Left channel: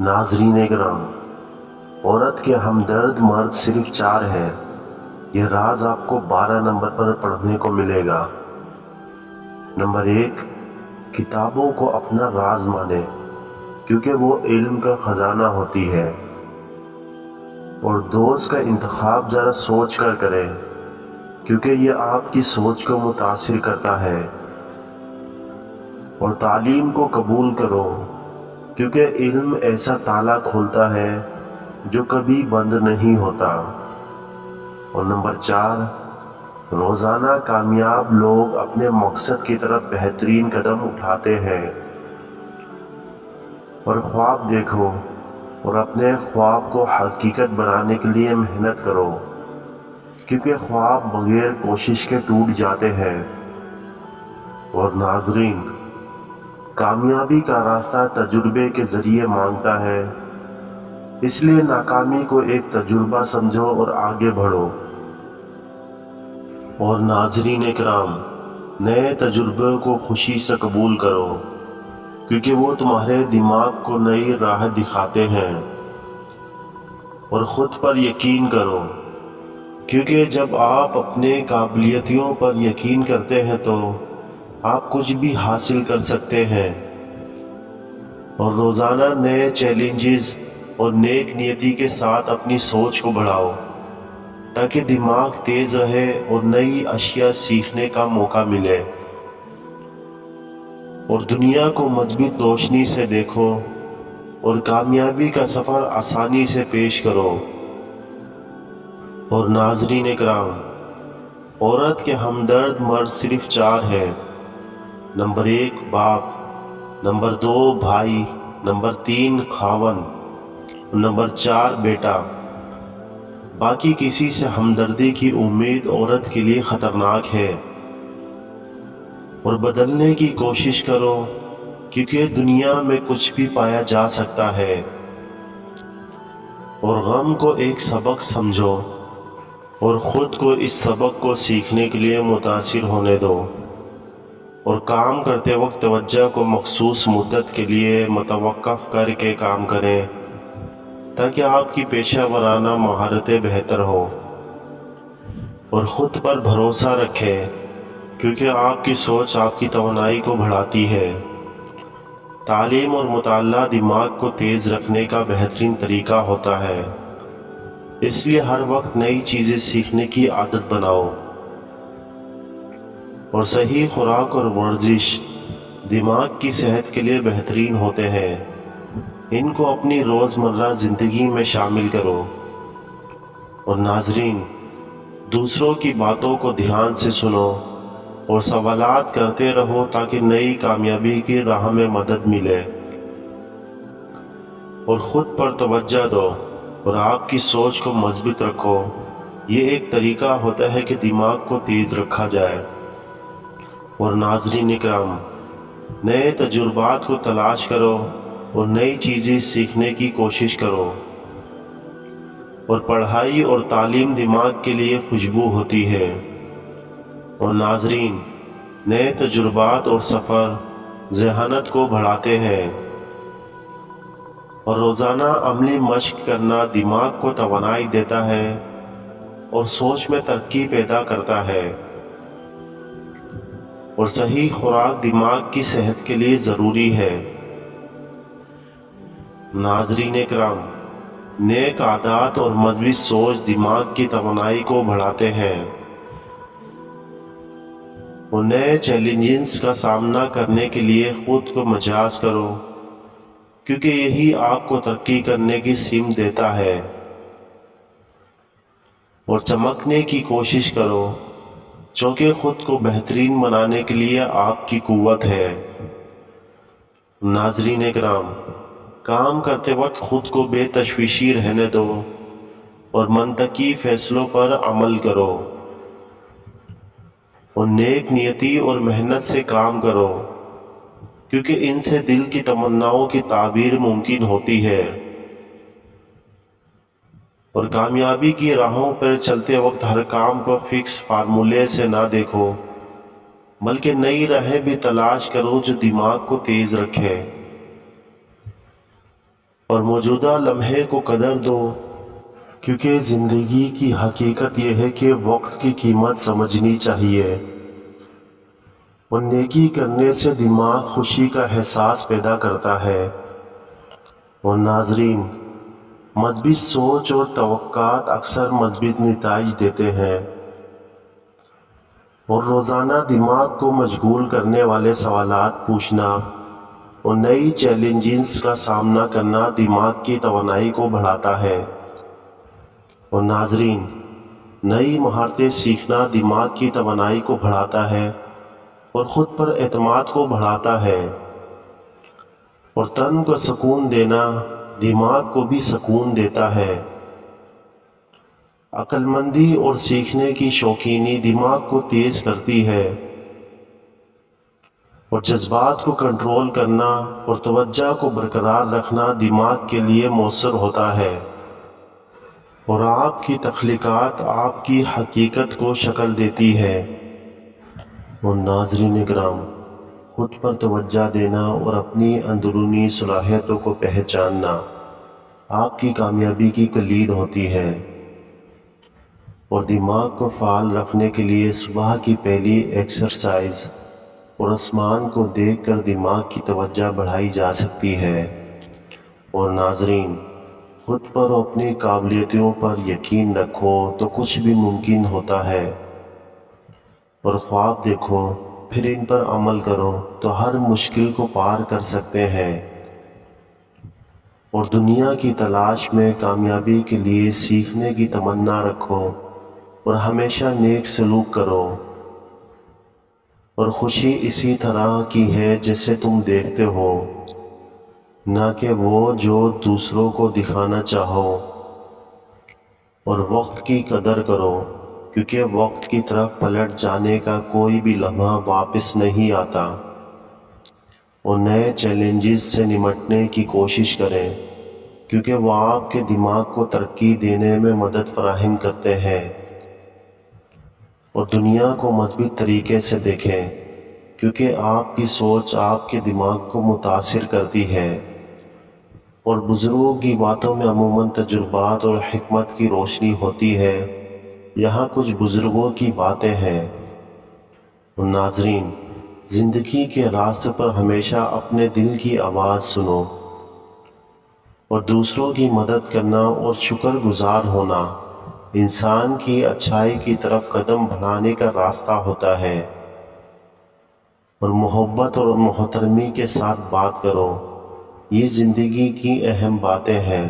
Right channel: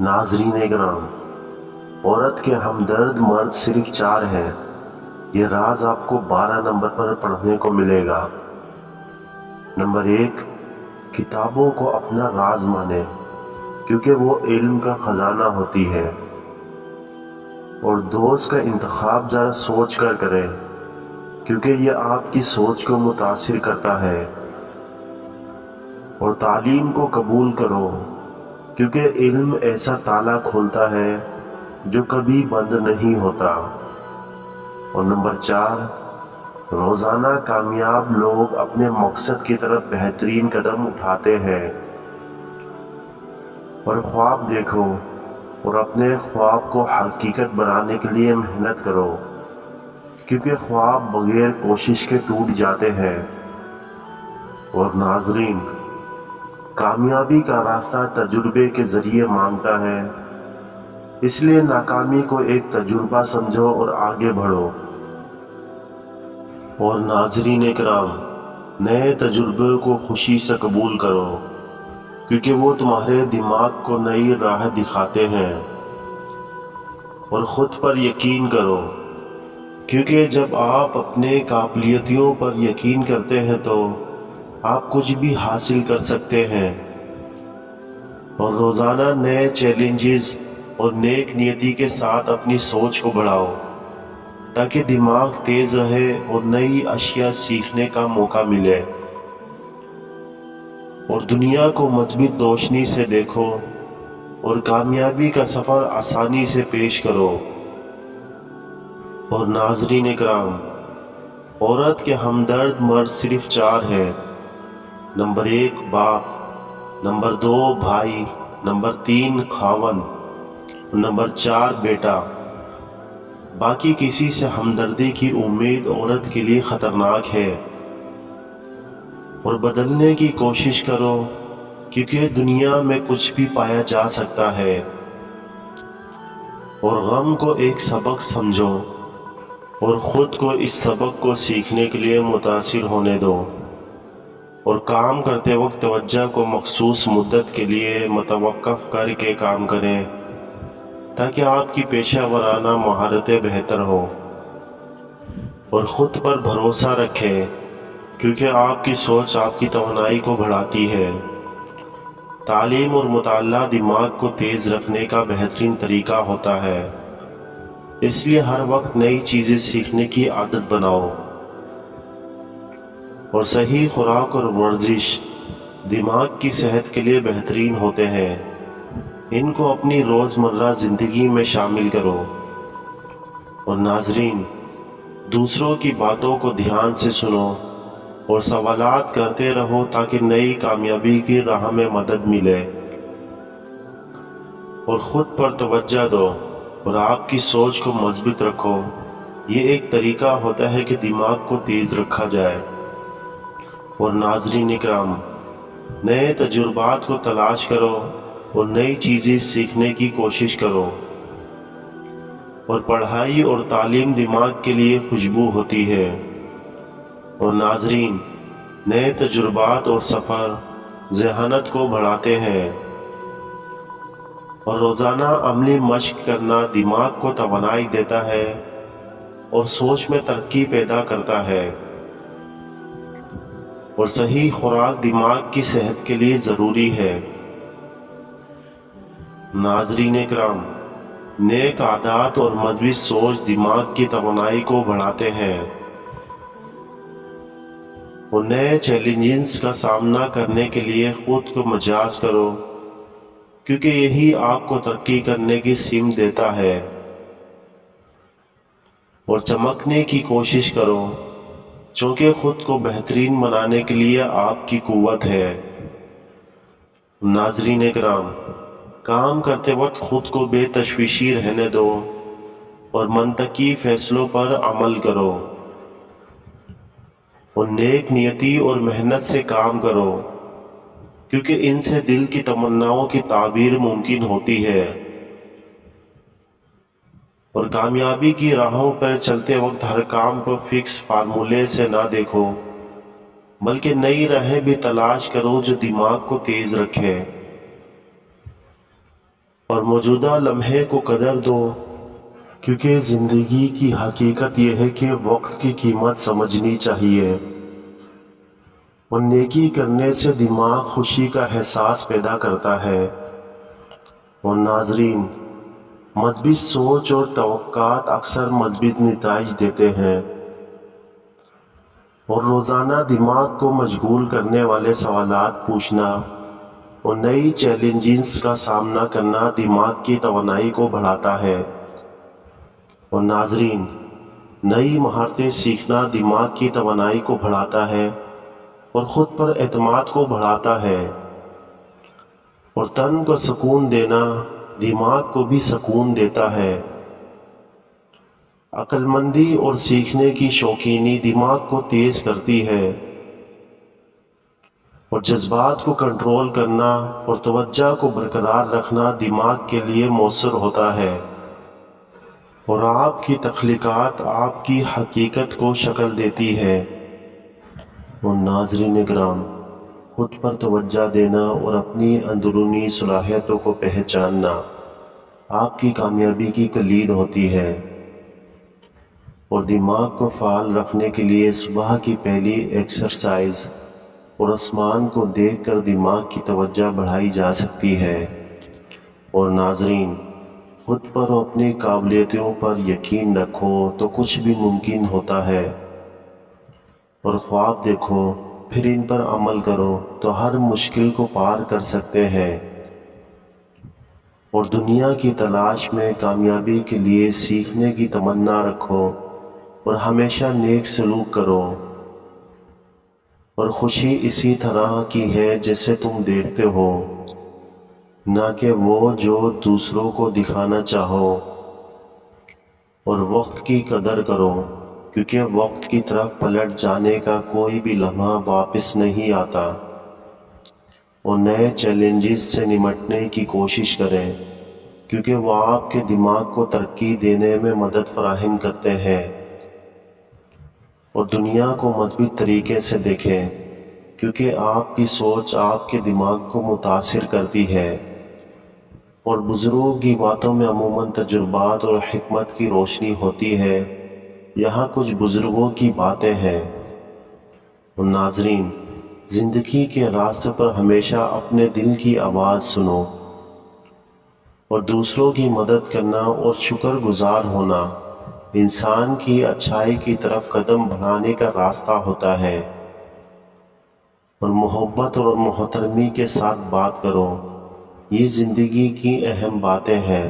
ناظرین کرام، عورت کے ہمدرد مرد صرف 4 ہیں۔ یہ راز آپ کو 12 نمبر پر پڑھنے کو ملے گا۔ نمبر 1، کتابوں کو اپنا راز مانیں کیونکہ وہ علم کا خزانہ ہوتی ہے، اور دوست کا انتخاب ذرا سوچ کر کریں کیونکہ یہ آپ کی سوچ کو متاثر کرتا ہے، اور تعلیم کو قبول کرو کیونکہ علم ایسا تالا کھولتا ہے جو کبھی بند نہیں ہوتا۔ اور نمبر 4، روزانہ کامیاب لوگ اپنے مقصد کی طرف بہترین قدم اٹھاتے ہیں، اور خواب دیکھو اور اپنے خواب کو حقیقت بنانے کے لیے محنت کرو کیونکہ خواب بغیر کوشش کے ٹوٹ جاتے ہیں۔ اور ناظرین، کامیابی کا راستہ تجربے کے ذریعے مانگتا ہے، اس لیے ناکامی کو ایک تجربہ سمجھو اور آگے بڑھو۔ اور ناظرین اکرام، نئے تجربے کو خوشی سے قبول کرو کیونکہ وہ تمہارے دماغ کو نئی راہ دکھاتے ہیں، اور خود پر یقین کرو کیونکہ جب آپ اپنے قابلیتوں پر یقین کرتے ہیں تو آپ کچھ بھی حاصل کر سکتے ہیں۔ اور روزانہ نئے چیلنجز اور نیک نیتی کے ساتھ اپنی سوچ کو بڑھاؤ تاکہ دماغ تیز رہے اور نئی اشیاء سیکھنے کا موقع ملے، اور دنیا کو مثبت روشنی سے دیکھو اور کامیابی کا سفر آسانی سے پیش کرو۔ اور ناظرین اکرام، عورت کے ہمدرد مرد صرف 4 ہیں۔ نمبر 1 باپ، نمبر 2 بھائی، نمبر 3 خاوند، اور نمبر 4 بیٹا۔ باقی کسی سے ہمدردی کی امید عورت کے لیے خطرناک ہے، اور بدلنے کی کوشش کرو کیونکہ دنیا میں کچھ بھی پایا جا سکتا ہے۔ اور غم کو ایک سبق سمجھو اور خود کو اس سبق کو سیکھنے کے لیے متاثر ہونے دو، اور کام کرتے وقت توجہ کو مخصوص مدت کے لیے متوقف کر کے کام کریں تاکہ آپ کی پیشہ ورانہ مہارتیں بہتر ہوں، اور خود پر بھروسہ رکھیں کیونکہ آپ کی سوچ آپ کی توانائی کو بڑھاتی ہے۔ تعلیم اور مطالعہ دماغ کو تیز رکھنے کا بہترین طریقہ ہوتا ہے، اس لیے ہر وقت نئی چیزیں سیکھنے کی عادت بناؤ، اور صحیح خوراک اور ورزش دماغ کی صحت کے لیے بہترین ہوتے ہیں، ان کو اپنی روزمرہ زندگی میں شامل کرو۔ اور ناظرین، دوسروں کی باتوں کو دھیان سے سنو اور سوالات کرتے رہو تاکہ نئی کامیابی کی راہ میں مدد ملے، اور خود پر توجہ دو اور آپ کی سوچ کو مثبت رکھو۔ یہ ایک طریقہ ہوتا ہے کہ دماغ کو تیز رکھا جائے۔ اور ناظرین اکرام، نئے تجربات کو تلاش کرو اور نئی چیزیں سیکھنے کی کوشش کرو، اور پڑھائی اور تعلیم دماغ کے لیے خوشبو ہوتی ہے۔ اور ناظرین، نئے تجربات اور سفر ذہانت کو بڑھاتے ہیں، اور روزانہ عملی مشق کرنا دماغ کو توانائی دیتا ہے اور سوچ میں ترقی پیدا کرتا ہے، اور صحیح خوراک دماغ کی صحت کے لیے ضروری ہے۔ ناظرین اکرام، نیک عادات اور مثبت سوچ دماغ کی توانائی کو بڑھاتے ہیں، اور نئے چیلنجز کا سامنا کرنے کے لیے خود کو مجاز کرو کیونکہ یہی آپ کو ترقی کرنے کی سمت دیتا ہے، اور چمکنے کی کوشش کرو چونکہ خود کو بہترین بنانے کے لیے آپ کی قوت ہے۔ ناظرین اکرام، کام کرتے وقت خود کو بے تشویشی رہنے دو اور منطقی فیصلوں پر عمل کرو، اور نیک نیتی اور محنت سے کام کرو کیونکہ ان سے دل کی تمناؤں کی تعبیر ممکن ہوتی ہے۔ اور کامیابی کی راہوں پر چلتے وقت ہر کام کو فکس فارمولے سے نہ دیکھو بلکہ نئی راہیں بھی تلاش کرو جو دماغ کو تیز رکھے۔ اور موجودہ لمحے کو قدر دو، کیونکہ زندگی کی حقیقت یہ ہے کہ وقت کی قیمت سمجھنی چاہیے، اور نیکی کرنے سے دماغ خوشی کا احساس پیدا کرتا ہے۔ اور ناظرین، مثبت سوچ اور توقعات اکثر مثبت نتائج دیتے ہیں، اور روزانہ دماغ کو مشغول کرنے والے سوالات پوچھنا اور نئی چیلنجز کا سامنا کرنا دماغ کی توانائی کو بڑھاتا ہے۔ اور ناظرین، نئی مہارتیں سیکھنا دماغ کی توانائی کو بڑھاتا ہے اور خود پر اعتماد کو بڑھاتا ہے، اور تن کو سکون دینا دماغ کو بھی سکون دیتا ہے۔ عقل مندی اور سیکھنے کی شوقینی دماغ کو تیز کرتی ہے، اور جذبات کو کنٹرول کرنا اور توجہ کو برقرار رکھنا دماغ کے لیے مؤثر ہوتا ہے، اور آپ کی تخلیقات آپ کی حقیقت کو شکل دیتی ہے۔ اور ناظرین کرام، خود پر توجہ دینا اور اپنی اندرونی صلاحیتوں کو پہچاننا آپ کی کامیابی کی کلید ہوتی ہے، اور دماغ کو فعال رکھنے کے لیے صبح کی پہلی ایکسرسائز اور آسمان کو دیکھ کر دماغ کی توجہ بڑھائی جا سکتی ہے۔ اور ناظرین، خود پر اور اپنی قابلیتوں پر یقین رکھو تو کچھ بھی ممکن ہوتا ہے، اور خواب دیکھو پھر ان پر عمل کرو تو ہر مشکل کو پار کر سکتے ہیں، اور دنیا کی تلاش میں کامیابی کے لیے سیکھنے کی تمنا رکھو اور ہمیشہ نیک سلوک کرو، اور خوشی اسی طرح کی ہے جیسے تم دیکھتے ہو، نہ کہ وہ جو دوسروں کو دکھانا چاہو۔ اور وقت کی قدر کرو، کیونکہ وقت کی طرف پلٹ جانے کا کوئی بھی لمحہ واپس نہیں آتا، اور نئے چیلنجز سے نمٹنے کی کوشش کریں، کیونکہ وہ آپ کے دماغ کو ترقی دینے میں مدد فراہم کرتے ہیں۔ اور دنیا کو مثبت طریقے سے دیکھیں، کیونکہ آپ کی سوچ آپ کے دماغ کو متاثر کرتی ہے، اور بزرگوں کی باتوں میں عموماً تجربات اور حکمت کی روشنی ہوتی ہے۔ یہاں کچھ بزرگوں کی باتیں ہیں۔ اور ناظرین، زندگی کے راستے پر ہمیشہ اپنے دل کی آواز سنو، اور دوسروں کی مدد کرنا اور شکر گزار ہونا انسان کی اچھائی کی طرف قدم بڑھانے کا راستہ ہوتا ہے۔ اور محبت اور محترمی کے ساتھ بات کرو، یہ زندگی کی اہم باتیں ہیں۔